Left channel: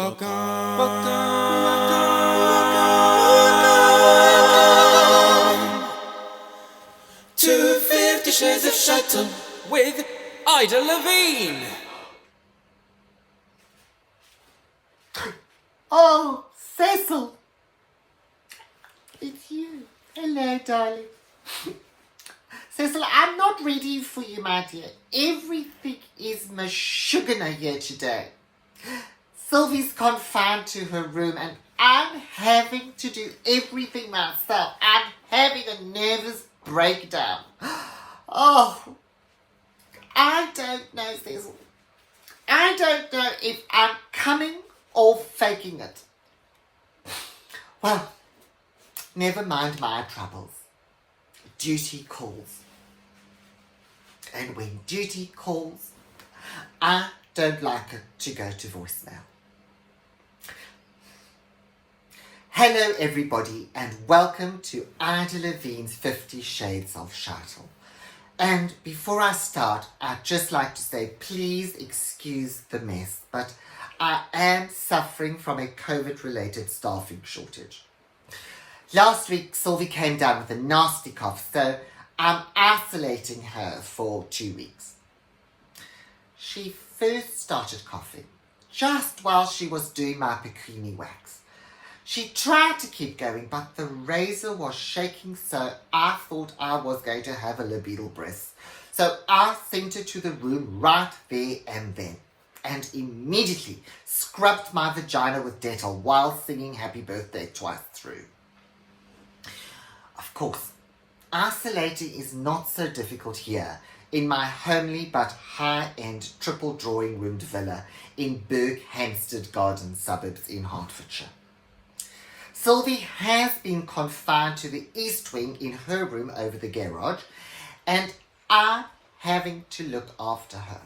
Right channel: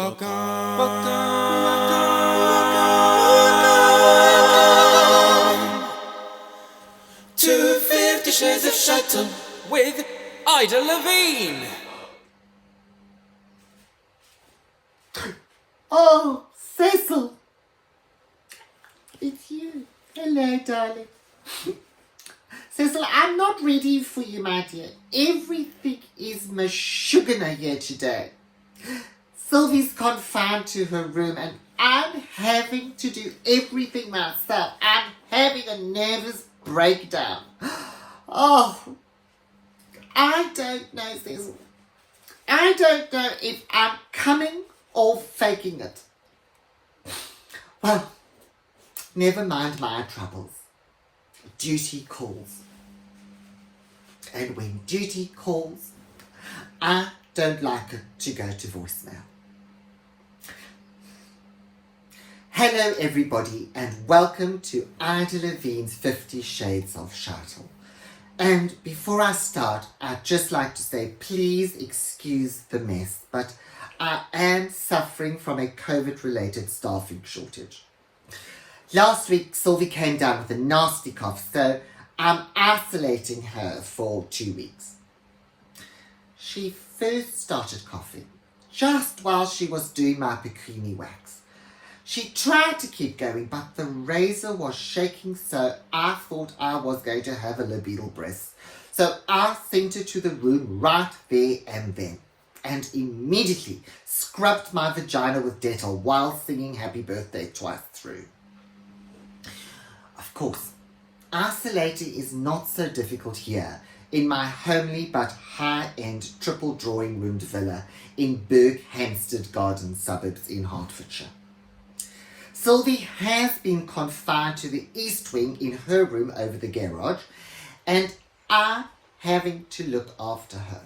Welcome to 50 Shades of Shuttle with Ida Levine. Oh, Cecil. It's you. Hello, darling. Cecil, I'm not ready for you, my dear. Everything is mashugana here today. Sylvie's confined to her room and I'm having to do everything myself. I'm having a nervous breakdown. Oh, I don't know, Cecil. I don't know if I'm coming or faking it. Well, never mind my troubles. Duty calls. And when duty calls, I don't like it to go to voicemail. Hello everybody and welcome to Ida Levine's 50 Shades of Shuttle. And before I start, I'd just like to say please excuse the mess, but I am suffering from a COVID-related staffing shortage. Last week, Sylvie came down with a nasty cough, so I'm isolating her for 2 weeks. She first started coughing just while she was doing my bikini wax. She tried to keep going, but the razor was shaking, so I thought I was going to have a libidinal breast. So I sent her to the room right there and then, and immediately scrubbed my vagina with Dettol while singing Happy Birthday twice through. Of course, isolating is not so difficult here in my homely but high-end triple drawing roomed villa in Berkhamsted Garden suburbs in Hertfordshire. Sylvie has been confined to the east wing in her room over the garage, and I'm having to look after her.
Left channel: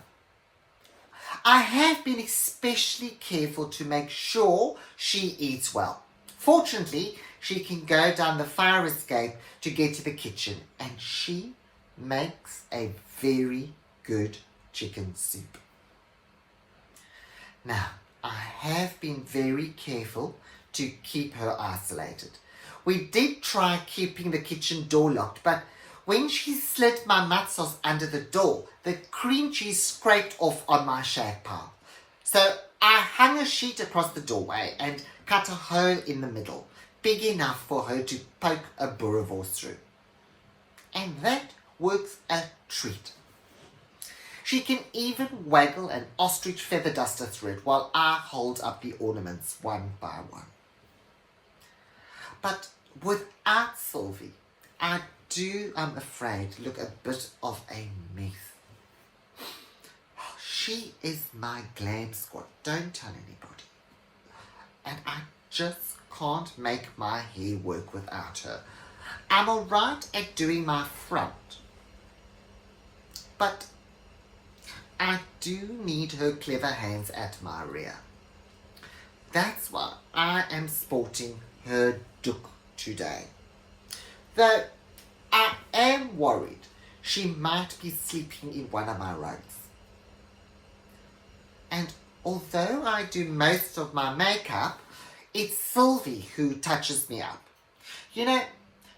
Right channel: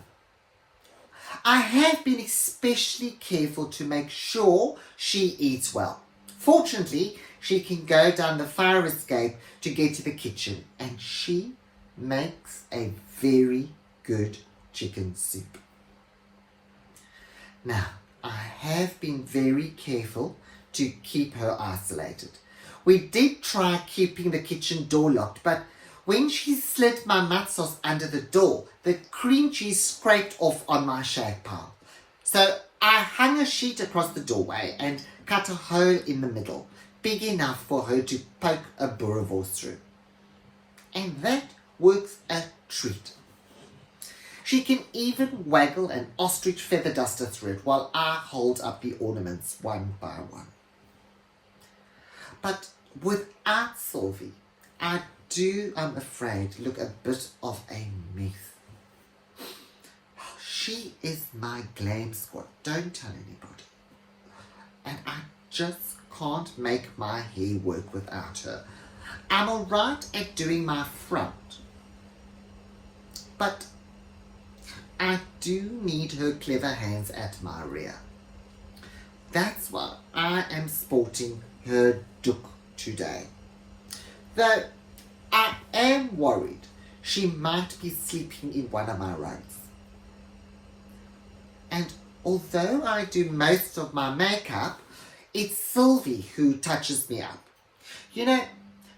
I have been especially careful to make sure she eats well. Fortunately, she can go down the fire escape to get to the kitchen, and she makes a very good chicken soup. Now, I have been very careful to keep her isolated. We did try keeping the kitchen door locked, but when she slid my mud sauce under the door, the cream cheese scraped off on my shag pile. So I hung a sheet across the doorway and cut a hole in the middle, big enough for her to poke a boerewors through. And that works a treat. She can even waggle an ostrich feather duster through it while I hold up the ornaments one by one. But without Sylvie, I do, I'm afraid, look a bit of a mess. She is my glam squad, don't tell anybody. And I just can't make my hair work without her. I'm alright at doing my front, but I do need her clever hands at my rear. That's why I am sporting her doek today. Though I am worried she might be sleeping in one of my rugs. And although I do most of my makeup, it's Sylvie who touches me up. You know,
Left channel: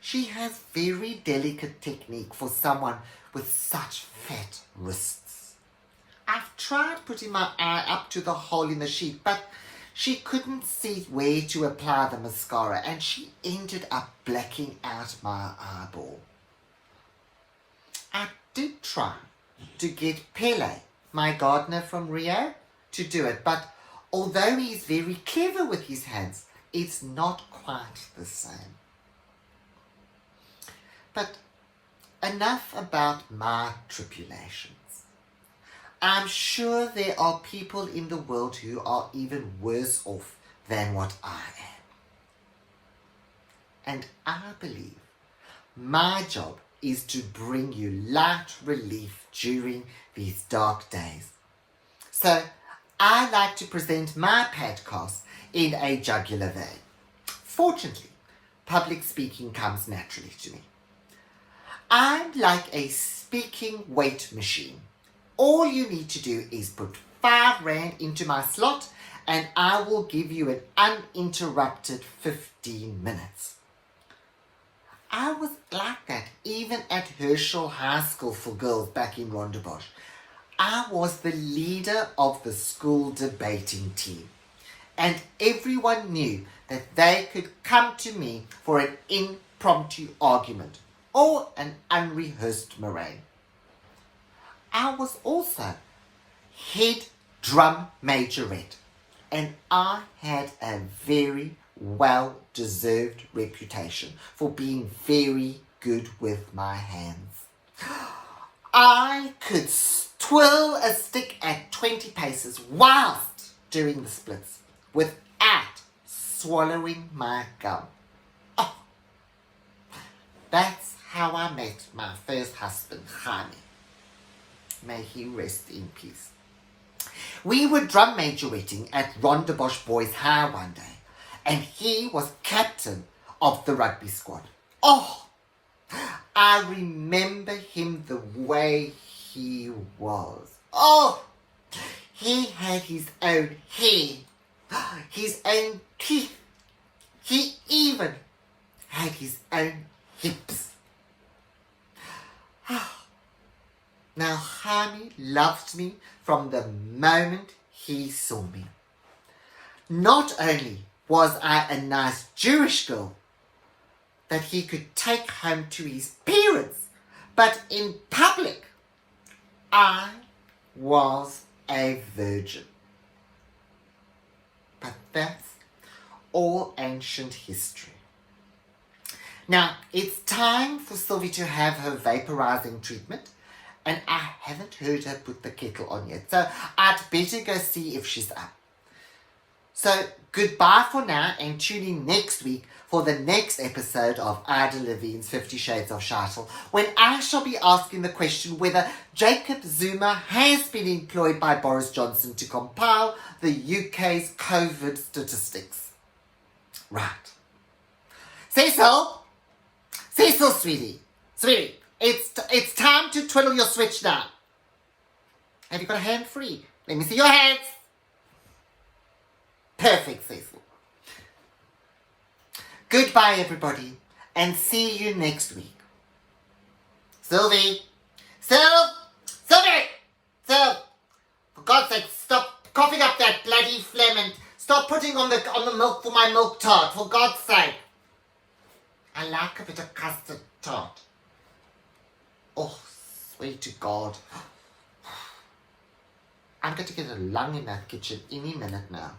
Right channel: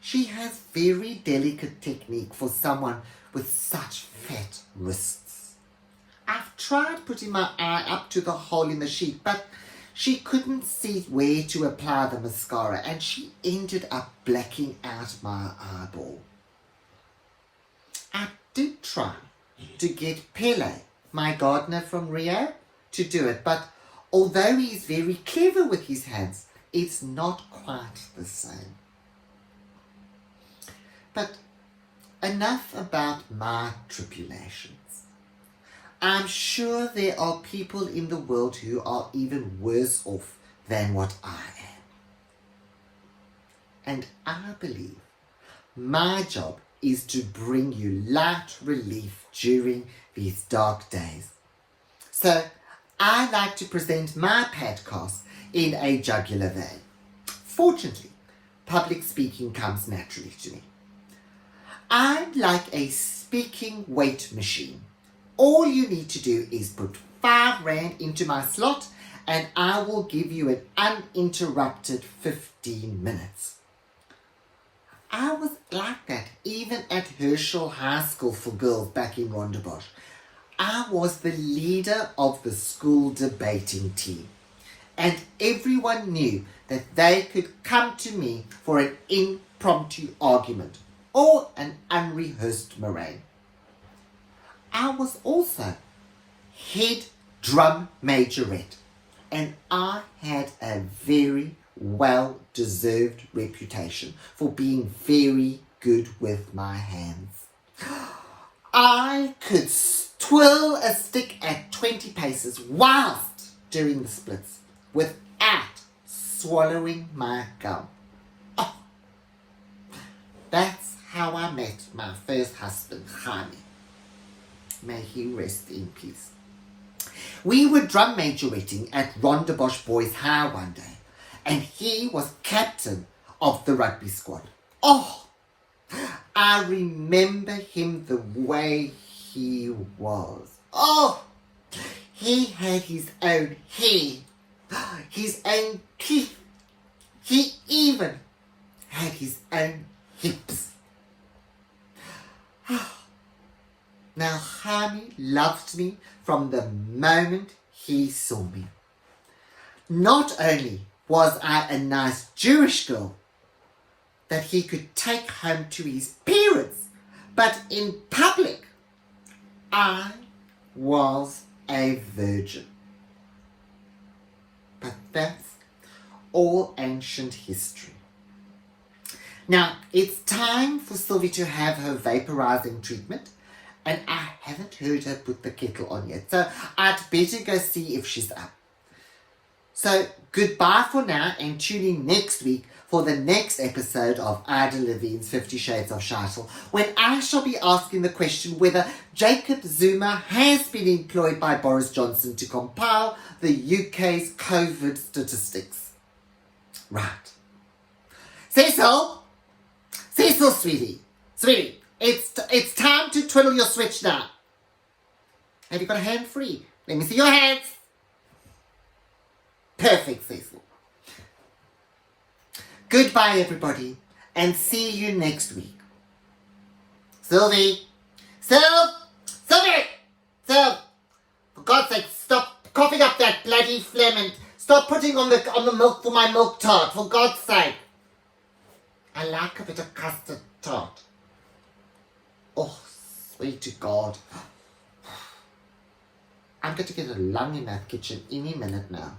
she has very delicate technique for someone with such fat wrists. I've tried putting my eye up to the hole in the sheet, but she couldn't see where to apply the mascara and she ended up blacking out my eyeball. I did try to get Pele, my gardener from Rio, to do it, but although he's very clever with his hands, it's not quite the same. But enough about my tribulations. I'm sure there are people in the world who are even worse off than what I am. And I believe my job is to bring you light relief during these dark days. So I like to present my podcast in a jugular vein. Fortunately, public speaking comes naturally to me. I'm like a speaking weight machine. All you need to do is put 5 Rand into my slot and I will give you an uninterrupted 15 minutes. I was like that even at Herschel High School for Girls back in Rondebosch. I was the leader of the school debating team, and everyone knew that they could come to me for an impromptu argument or an unrehearsed meringue. I was also head drum majorette, and I had a very well-deserved reputation for being very good with my hands. I could twirl a stick at 20 paces whilst doing the splits without swallowing my gum. Oh, that's how I met my first husband, Jaime. May he rest in peace. We were drum majoretting at Rondebosch Boys High one day, and he was captain of the rugby squad. Oh, I remember him the way he was. Oh, he had his own hair, his own teeth. He even had his own hips. Now, Jaime loved me from the moment he saw me. Not only was I a nice Jewish girl that he could take home to his parents, but in public, I was a virgin. But that's all ancient history. Now, it's time for Sylvie to have her vaporizing treatment, and I haven't heard her put the kettle on yet, so I'd better go see if she's up. So goodbye for now, and tune in next week for the next episode of Ida Levine's 50 Shades of Scheitel, when I shall be asking the question whether Jacob Zuma has been employed by Boris Johnson to compile the UK's COVID statistics. Right. Cecil, sweetie, it's time to twiddle your switch now. Have you got a hand free? Let me see your hands. Perfect, Cecil. Goodbye, everybody, and see you next week. Sylvie! For God's sake, stop coughing up that bloody phlegm and stop putting on the milk for my milk tart, for God's sake. I like a bit of custard tart. Oh, sweet to God. I'm going to get a lung in that kitchen any minute now.